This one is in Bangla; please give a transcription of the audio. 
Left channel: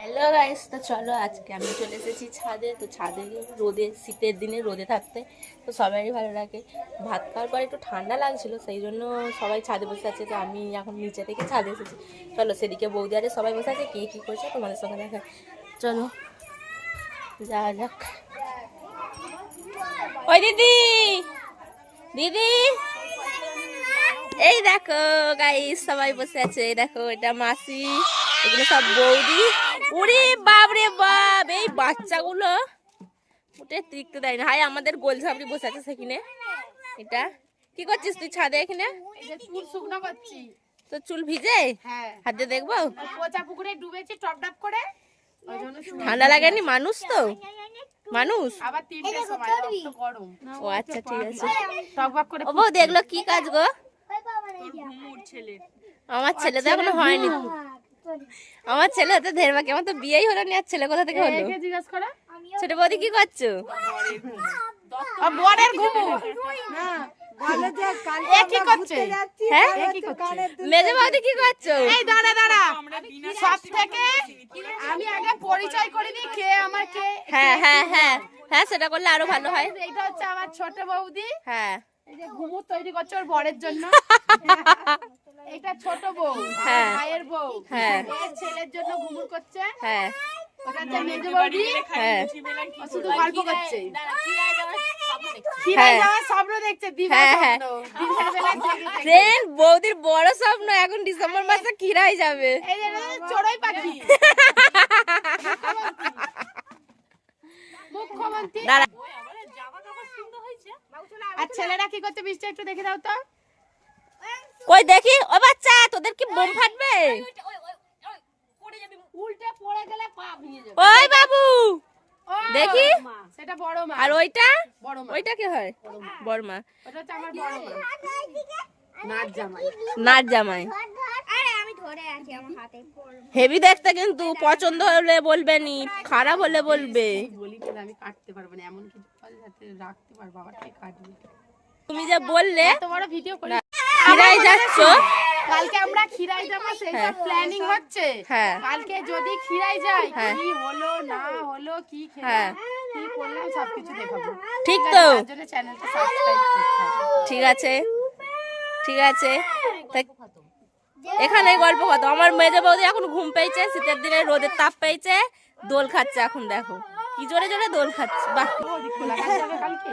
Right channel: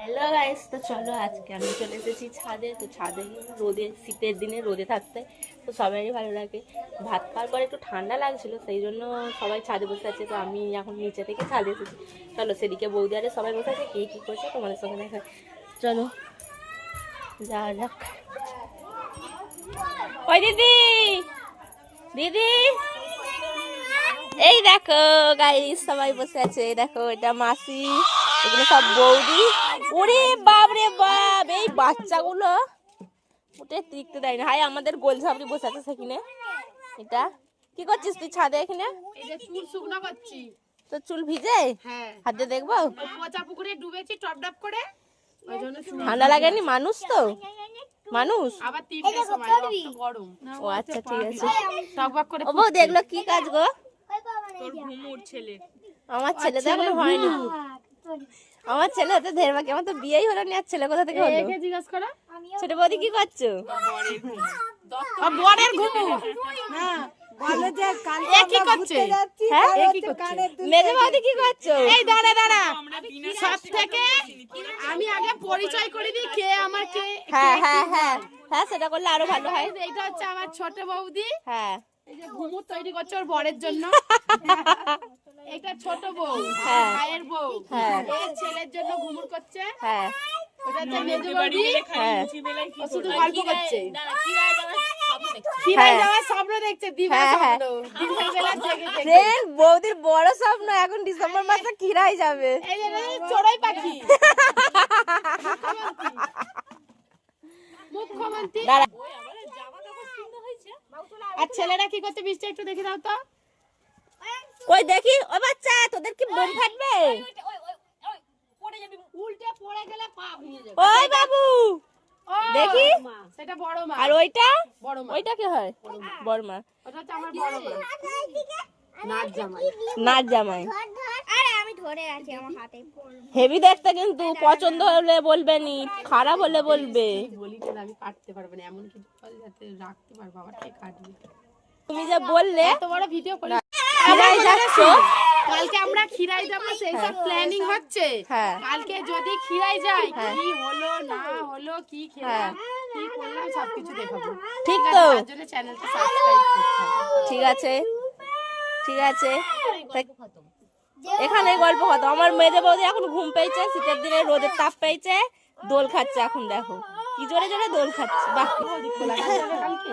হ্যালো গাইস, তো চলো আজকে আমি চলে এসেছি ছাদে। তো ছাদে রোদে, শীতের দিনে রোদে থাকতে তো সবারই ভালো লাগে। ভাত খাওয়ার পর একটু ঠান্ডা লাগছিল, সেই জন্য সবাই ছাদে বসে আছে। তো আমি এখন নিচে থেকে ছাদে এসেছি। চলো সেদিকে বৌদি আরে সবাই বসে আছে, কে কী করছে তোমাদের সঙ্গে দেখা। চলো যাওয়া যাক। ওই দিদি, দিদি এই দেখো গাইস, সবাই বসে আছে। এই দেখো, এটা মাসি, এগুলো সব বৌদি। ওরে বাপ রে বাপ, এই বাচ্চাগুলো উঠে টিকতে দেয় না। হাই, আমাদের গোল ঝাপড়ি বসে আছে সেখানে। এটা কি করছিস তুই ছাদে এখানে? চুল শুকনো করছি। তো চুল ভিজে? হ্যাঁ, হাত দিয়ে দেখবো। পচা পুকুরে ডুবেছি টপ টপ করে। ঠান্ডা লাগেনি? মানুষ তো, মানুষ। আবার 3টের সময় রক্ত গরম। ও আচ্ছা, ঠিক আছে। টক বক করে ও বউ, দেখলো কি কাজ গো? তোর ঘুমুর ছেলে। আমার ছেলে তো এখনো হয়নি। আমার ছেলে হতে ঢের বাকি, আমার তো বিয়েই হলো না। আর ছেলে কোথা থেকে হলো? একে জিজ্ঞেস করো। ছোট বৌদি কি করছো? বরের ঘুমুর। হ্যাঁ, বলে যে কালকে কি করছে? হ্যাঁ, এ কি করছে? মেজে বৌদি কি করছো? এই দাঁড়া দাঁড়া, সব থেকে আমি আগে পরিচয় করে দিই কে আমার কে। হ্যাঁ হ্যাঁ হ্যাঁ হ্যাঁ, সেটা করলে আরো ভালো হয়। এইটা হচ্ছে আমার ছোট বৌদি। হ্যাঁ, এই যে ঘুমুর তৈরি করছে ওর বরের জন্য। এটা ছোট বউ, হ্যাঁ। ভাইয়ের বউ। হ্যাঁ। এর ছেলের জন্য ঘুমুর করছে। হ্যাঁ ওটা হচ্ছে মেজ বৌদি। হ্যাঁ ও শুধু গল্প করছে। হ্যাঁ। খিরাই যাওয়ার স্বপ্ন দেখছে, দিবা হ্যাঁ, হ্যাঁ। স্বপ্ন। দিনের বেলা জেগে জেগে। দেন বৌদির বড় স্বপ্ন, এখন ডিসেম্বর মাসে খিরাই যাবে। এই যে চড়ুই পাখি। মুখ্যমন্ত্রী। দাঁড়া। আর ছেলেরা কি করতে বৃষ্টি একটু দেখে দাও তো। কই দেখি। ও বাচ্চা, তোদের কি বোম ফাটবে? উল্টে পড়ে গেলে পা ভেঙে যাবে। ওই বাবু, ও, দেখি। সেটা বড় মা। আর ওইটা? বড় মা। ওইটা কি হয়? বড় মা। ওটা হচ্ছে আমার বড় মা। নাচ জামাই। নাচ জামাই। আরে আমি ধরে আছি আমার হাতে। হেভি দেখতে, কিন্তু পছন্দ হলে বলবে নি, খারাপ হলে বলবে। বলি কি আমি কাটতে পারবো না, এমন কিছু ফল যাতে রাখতে পারবো, আবার কে কাটবে। তুমি যে বললে এত বড় ভিডিও করে খিরাই যাচ্ছ। কালকে আমরা খিরাই যাবো, সেই সব প্ল্যানিং হচ্ছে। হ্যাঁ। কালকে যদি খিরাই যাই, হ্যাঁ। কি হলো না হলো, কি খেলাম, কি করলাম, সবকিছু দেখাবো। ঠিক আছে? তো? তার জন্য চ্যানেলটা সাবস্ক্রাইব করতে হবে। ঠিক আছে, ঠিক আছে। এখানে গল্প কত। আমার মেজে বৌদি এখন ঘুম পেয়েছে, শীতের দিনে রোদের তাপ পেয়েছে, দোল খাচ্ছে। এখন দেখো কি জোরে জোরে দোল খাচ্ছে। বাহ। খোলা থাকবে কালকে।